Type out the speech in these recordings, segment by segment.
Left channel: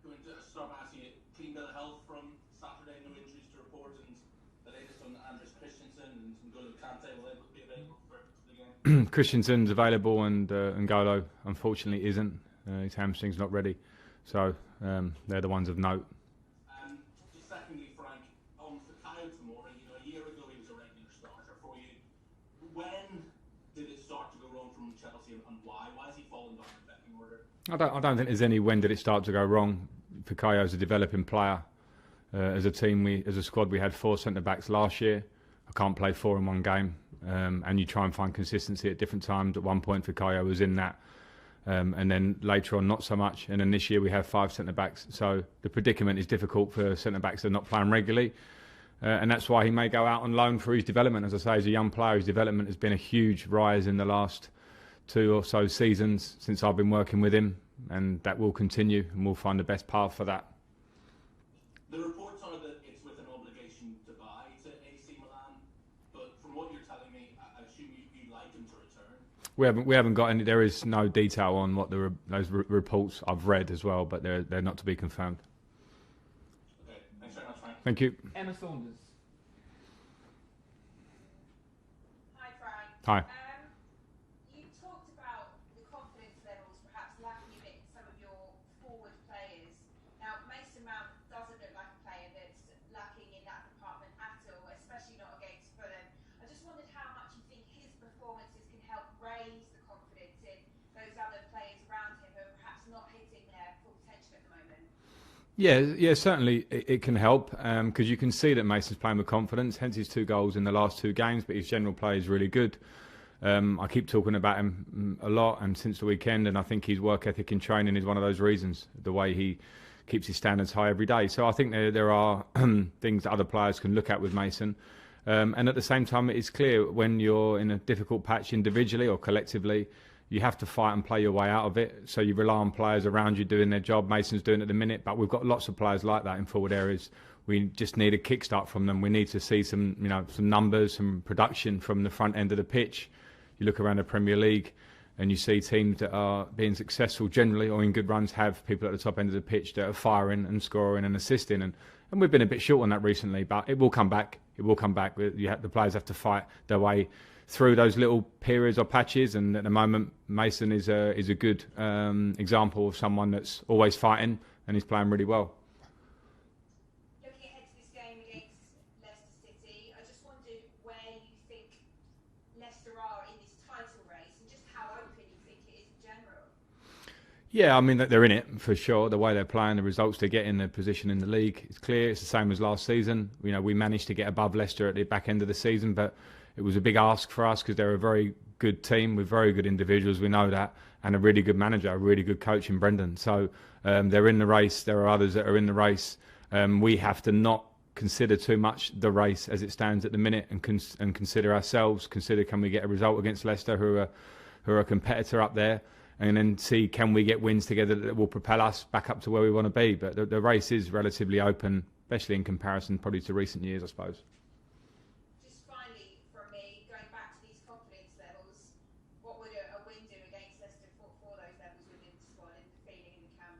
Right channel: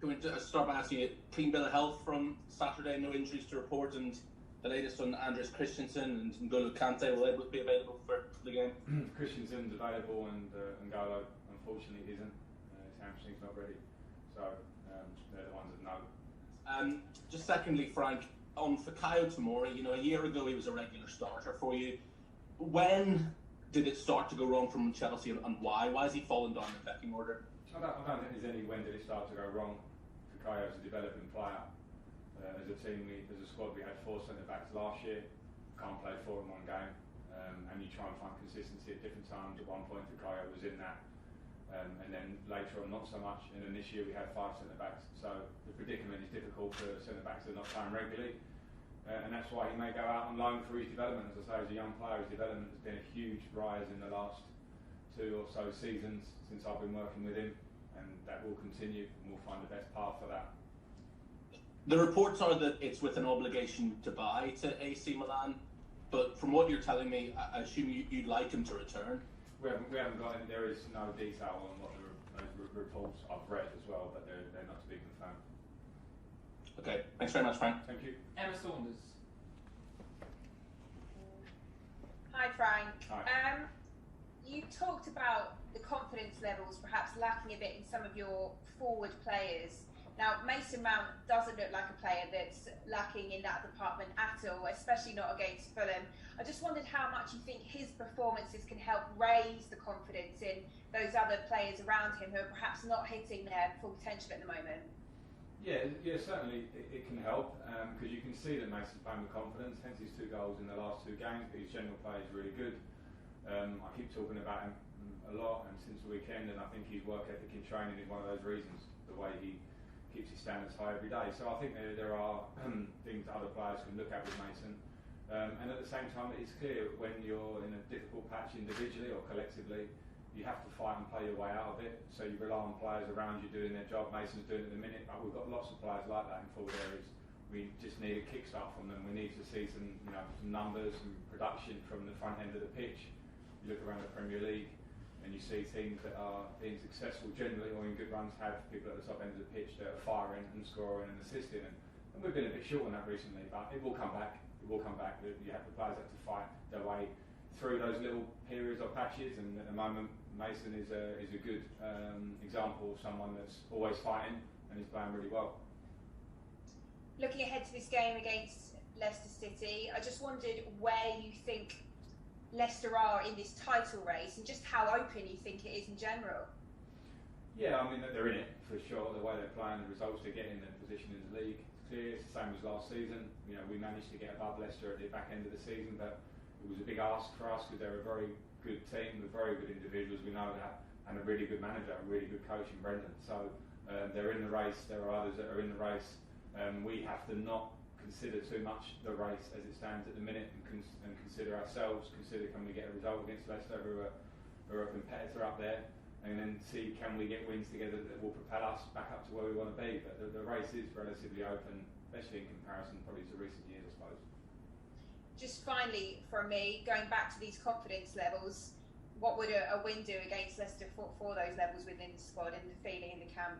Can we just start by asking you, clean bill of health from Saturday, no injuries to report, and the latest on Andres Christensen and N'Golo Kante, will they both be available for the game? Christensen's available and N'Golo unfortunately isn't. His hamstring's not ready. So they're the ones of note. Just secondly, Frank, on Fikayo Tomori, a year ago he was a regular starter for you. When did it start to go wrong from Chelsea, and why? Why has he fallen down the pecking order? I don't think there's any when did it start to go wrong. Fikayo's a developing player. As a team, as a squad, we had 4 centre-backs last year. I can't play 4 in one game. And you try and find consistency at different times. At one point, Fikayo was in that. And then later on, not so much. And then this year, we have 5 centre-backs. So the predicament is difficult for centre-backs that are not playing regularly. And that's why he may go out on loan for his development. As I say, as a young player, his development has been a huge rise in the last 2 or so seasons since I've been working with him. And that will continue, and we'll find the best path for that. The reports are that it's with an obligation to buy to AC Milan. But from what you're telling me, I assume you'd like him to return. We haven't got any. There is no detail on what those reports I've read as well, but they're not to be confirmed. Okay, thanks very much, Frank. Thank you. Emma Saunders. Hi, Frank. Hi. You talked about the confidence levels perhaps lacking a bit in some of your forward players. Now, Mason Mount doesn't look like a player that's lacking in that department at all, especially not against Fulham. I just wondered how much you think his performances can help raise the confidence in those other players around him who are perhaps not hitting their full potential at the moment. Yeah, certainly it can help because you can see that Mason's playing with confidence, hence his 2 goals in the last 2 games, but his general play is really good. I keep talking about him a lot and since the weekend, and I think his work ethic in training is one of those reasons, the way he keeps his standards high every day. So I think there are things that other players can look at with Mason. And at the same time, it's clear when you're in a difficult patch individually or collectively, you have to fight and play your way out of it. So you rely on players around you doing their job. Mason's doing it at the minute, but we've got lots of players like that in forward areas. We just need a kickstart from them. We need to see some numbers, some production from the front end of the pitch. You look around the Premier League and you see teams that are being successful generally or in good runs have people at the top end of the pitch that are firing and scoring and assisting. And we've been a bit short on that recently, but it will come back. It will come back. The players have to fight their way through those little periods or patches. And at the moment, Mason is a good example of someone that's always fighting and he's playing really well. Looking ahead to this game against Leicester City, I just wondered where you think Leicester are in this title race and just how open you think it is in general. Yeah, I mean, they're in it for sure. The way they're playing, the results they get in their position in the league, it's clear. It's the same as last season. We managed to get above Leicester at the back end of the season, but it was a big ask for us because they're a very good team with very good individuals. We know that, and a really good manager, a really good coach in Brendan. So they're in the race. There are others that are in the race. We have to not consider too much the race as it stands at the minute, and consider ourselves. Consider, can we get a result against Leicester, who are a competitor up there. And then see, can we get wins together that will propel us back up to where we want to be. But the race is relatively open, especially in comparison probably to recent years, I suppose. Just finally, from me, going back to these confidence levels, what would a win do against Leicester for those levels within the squad and the feeling in the camp?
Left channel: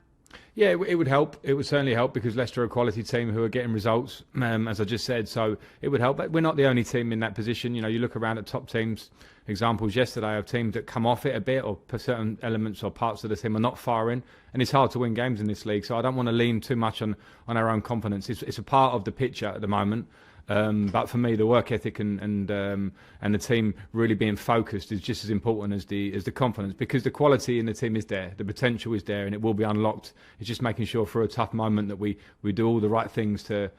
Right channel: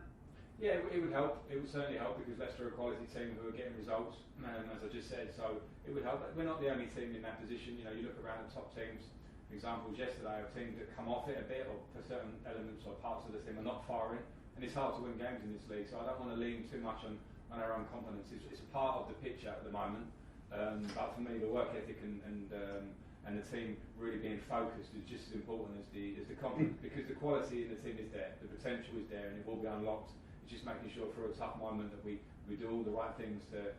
Yeah, it would help. It would certainly help because Leicester are a quality team who are getting results, as I just said. So it would help. But we're not the only team in that position. You look around at top teams. Examples yesterday of teams that come off it a bit, or certain elements or parts of the team are not firing, and it's hard to win games in this league. So I don't want to lean too much on our own confidence. It's a part of the picture at the moment, but for me, the work ethic and the team really being focused is just as important as the confidence, because the quality in the team is there, the potential is there, and it will be unlocked. It's just making sure for a tough moment that we do all the right things to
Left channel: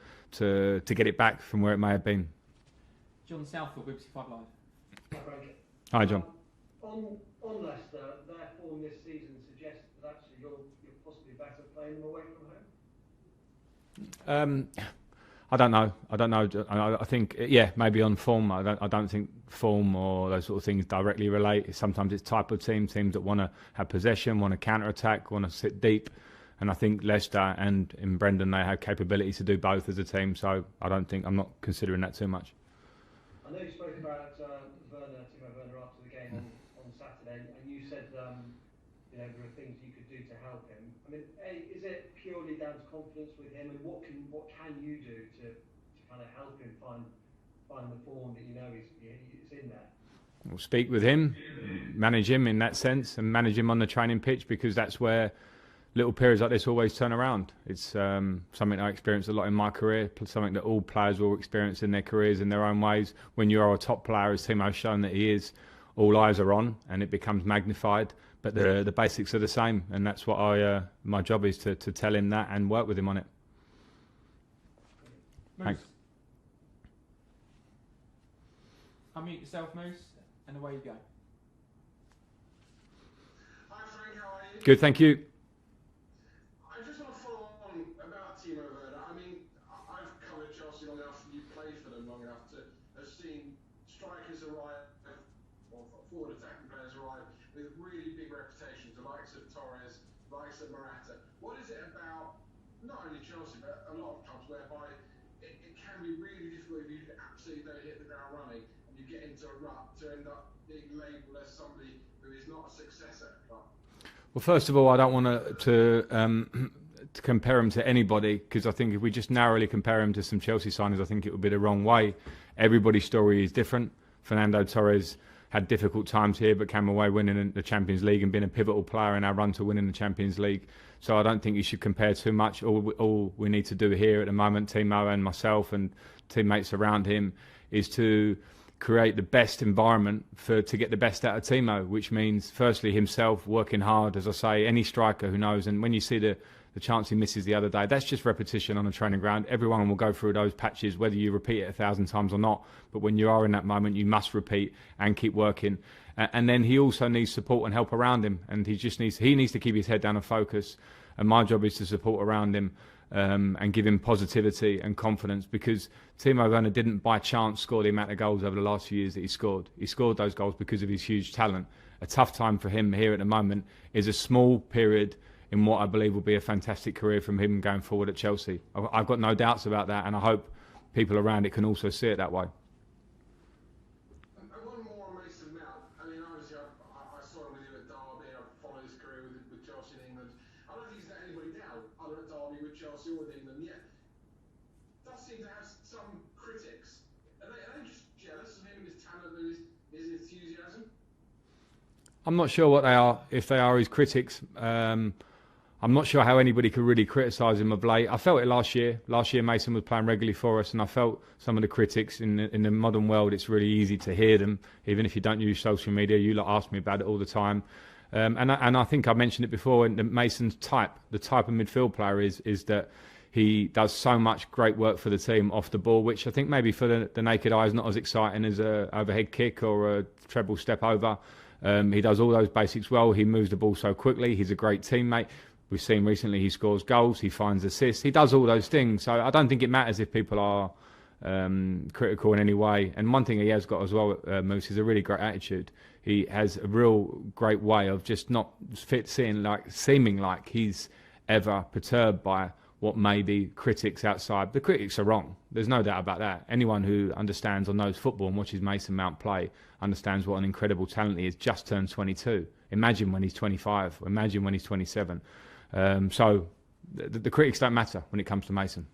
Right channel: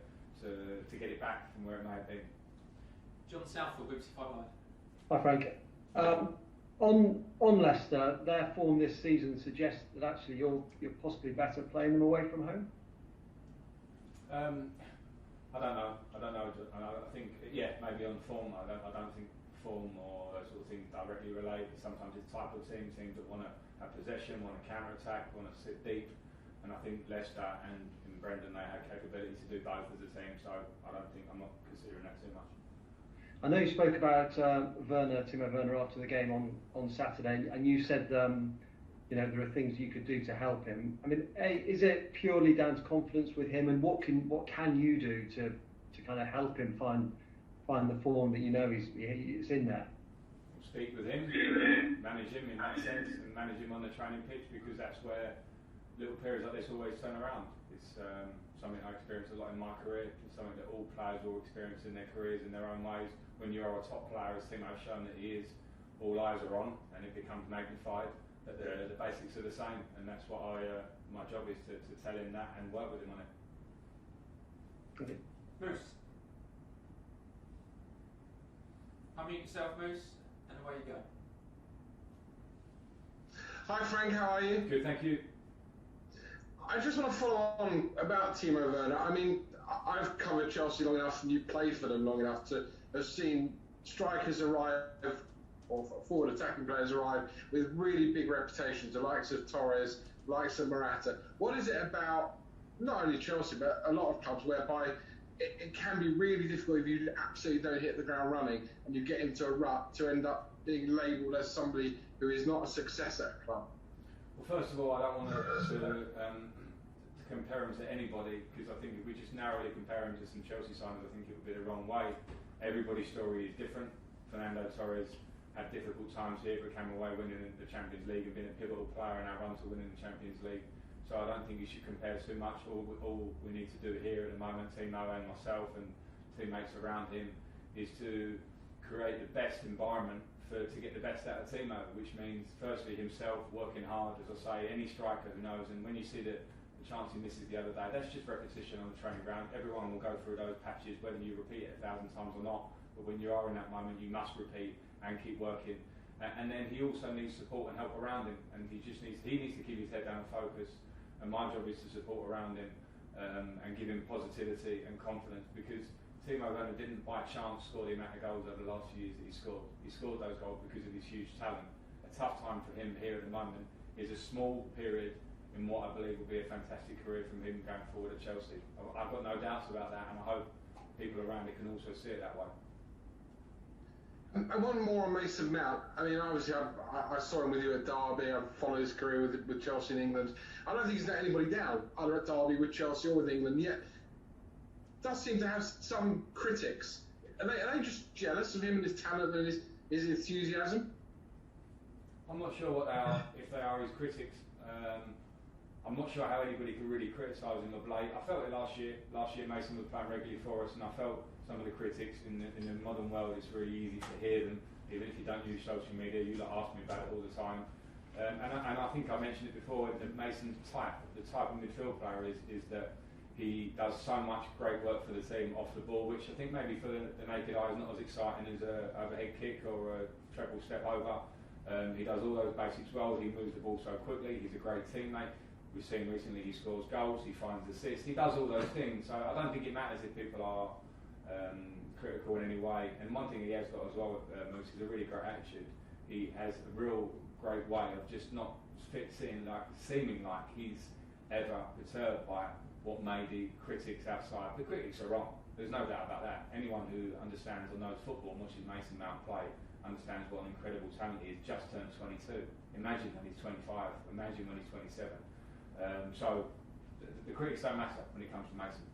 get it back from where it may have been. John Southall, BBC 5 Live. Hi, Frank. Hi, John. On Leicester, their form this season suggests that actually you're possibly better playing them away from home. I don't know. I think maybe on form. I don't think form or those sort of things directly relate. Sometimes it's type of teams that want to have possession, want to counter attack, want to sit deep. And I think Leicester and in Brendan, they have capability to do both as a team. So I'm not considering that too much. I know you spoke about Timo Werner after the game on Saturday, and you said there are things you could do to help him. I mean, is it purely down to confidence with him, and what can you do to kind of help him find the form that he's in there? We'll speak with him, manage him in that sense, and manage him on the training pitch, because that's where little periods like this always turn around. It's something I experienced a lot in my career, something that all players will experience in their careers in their own ways. When you are a top player, as Timo's shown that he is, all eyes are on and it becomes magnified, but the basics are the same, and that's what my job is, to tell him that and work with him on it. Moose. Unmute yourself, Moose, and away you go. Hi Frank, how are you? Good, thank you. I just want to follow on about Timo Werner. I mean, I've covered Chelsea long enough, and you played for them long enough to have seen strikers arrive, or forward attacking players arrive with really big reputations, the likes of Torres, likes of Morata. What is it about not only Chelsea but a lot of clubs whereby it can be really difficult if you absolutely don't hit the ground running and you get into a rut to end up being labelled as somebody who is not a success at a club? Well, first of all, I don't want to compare him to anybody, because I think if we just narrowly compare him to some Chelsea signings, I think it would be the wrong way. Everybody's story is different. Fernando Torres had difficult times here, but came away winning the Champions League and being a pivotal player in our run to winning the Champions League. So I don't think you should compare too much. All we need to do here at the moment, Timo and myself and teammates around him, is to create the best environment to get the best out of Timo, which means firstly himself working hard, as I say, any striker who knows. And when you see the chance he misses the other day, that's just repetition on a training ground. Everyone will go through those patches, whether you repeat it 1,000 times or not. But when you are in that moment, you must repeat and keep working. And then he also needs support and help around him, and he needs to keep his head down and focus. And my job is to support around him and give him positivity and confidence, because Timo Werner didn't by chance score the amount of goals over the last few years that he scored. He scored those goals because of his huge talent. A tough time for him here at the moment is a small period in what I believe will be a fantastic career from him going forward at Chelsea. I've got no doubts about that, and I hope people around it can also see it that way. And one more on Mason Mount. I mean, obviously, I saw him with you at Derby. I followed his career with Chelsea in England. I don't think he's let anybody down, either at Derby, with Chelsea, or with England. Yet, does seem to have some critics. Are they just jealous of him and his talent and his enthusiasm? I'm not sure what they are, if they are his critics. I'm not sure how anybody could really criticise him of late. I felt it last year. Last year, Mason was playing regularly for us, and I felt some of the critics in the modern world. It's really easy to hear them, even if you don't use social media. You lot ask me about it all the time, and I think I mentioned it before. And Mason's the type of midfield player is that he does so much great work for the team off the ball, which I think maybe for the naked eye is not as exciting as a overhead kick or a treble step over. He does all those basics well. He moves the ball so quickly. He's a great teammate. We've seen recently he scores goals, he finds assists, he does all those things. So I don't think it matters if people are critical in any way. And one thing he has got as well, Moose, is a really great attitude. He has a real great way of just not seeming like he's ever perturbed by what may be critics outside. The critics are wrong. There's no doubt about that. Anyone who understands or knows football and watches Mason Mount play understands what an incredible talent he is. Just turned 22. Imagine when he's 25. Imagine when he's 27. So the critics don't matter when it comes to Mason.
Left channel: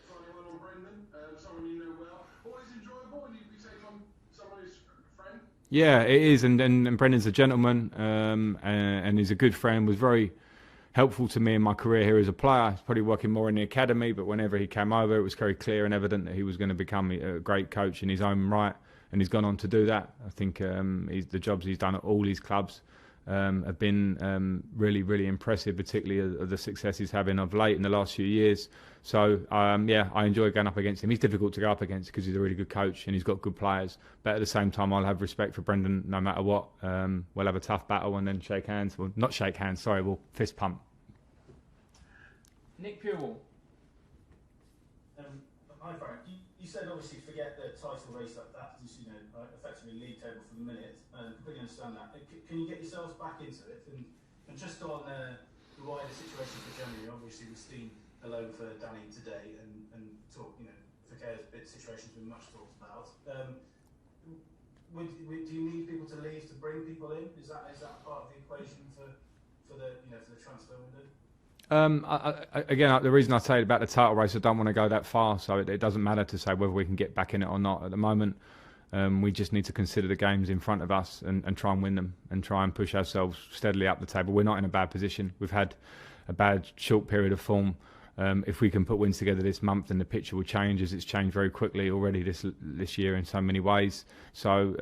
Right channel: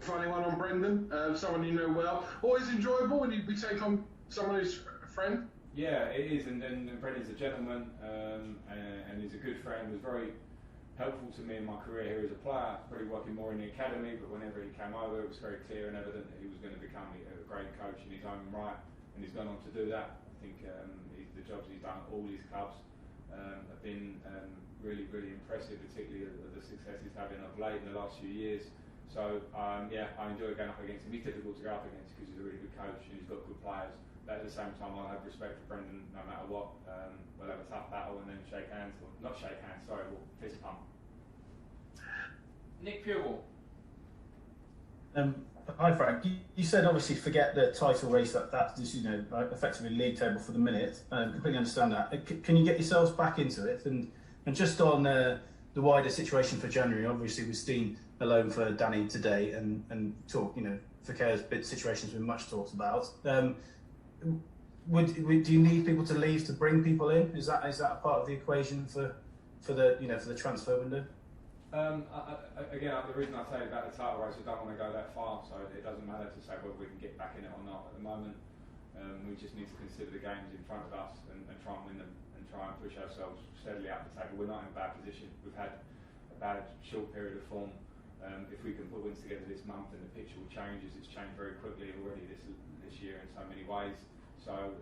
Finally, one on Brendan, someone you know well. Always enjoyable when we take on someone who's a friend. Yeah, it is, and Brendan's a gentleman, and he's a good friend. Was very helpful to me in my career here as a player. He's probably working more in the academy, but whenever he came over, it was very clear and evident that he was going to become a great coach in his own right, and he's gone on to do that. I think the jobs he's done at all his clubs have been really, really impressive, particularly the success he's having of late in the last few years. So, I enjoy going up against him. He's difficult to go up against because he's a really good coach and he's got good players. But at the same time, I'll have respect for Brendan no matter what. We'll have a tough battle and then shake hands. Well, not shake hands, sorry, we'll fist pump. Nick Purewall. Hi Frank, you said obviously forget the title race, that's just, effectively league table for the minute. Completely understand that. Can you get yourselves back into it? And just on the wider situation for January, obviously we've seen a loan for Danny today and talk, Fekir's bid situation has been much talked about. do you need people to leave to bring people in? Is that a part of the equation for the transfer window? Again, the reason I say about the title race, I don't want to go that far, so it doesn't matter to say whether we can get back in it or not. At the moment, we just need to consider the games in front of us and try and win them and try and push ourselves steadily up the table. We're not in a bad position. We've had a bad short period of form. If we can put wins together this month, then the picture will change, as it's changed very quickly already this year in so many ways. So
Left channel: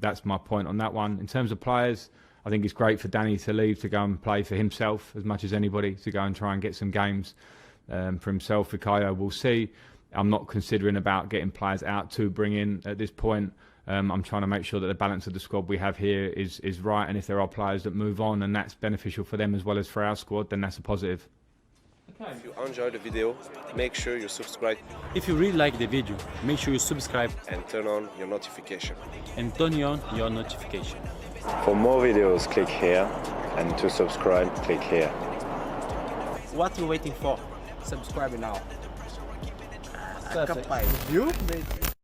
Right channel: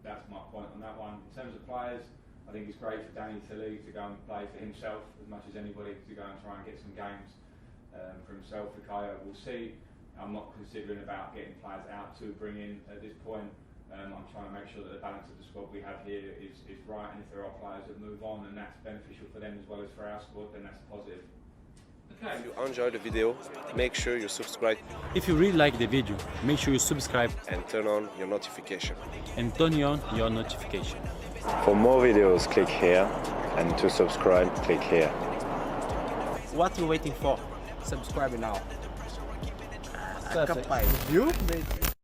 that's my point on that one. In terms of players, I think it's great for Danny to leave to go and play for himself as much as anybody, to go and try and get some games for himself. Fikayo, we'll see. I'm not considering about getting players out to bring in at this point. I'm trying to make sure that the balance of the squad we have here is right, and if there are players that move on and that's beneficial for them as well as for our squad, then that's a positive. If you enjoyed the video, make sure you subscribe. If you really like the video, make sure you subscribe and turn on your notification. For more videos, click here, and to subscribe, click here. What are you waiting for? Subscribe now. Perfect. Viu?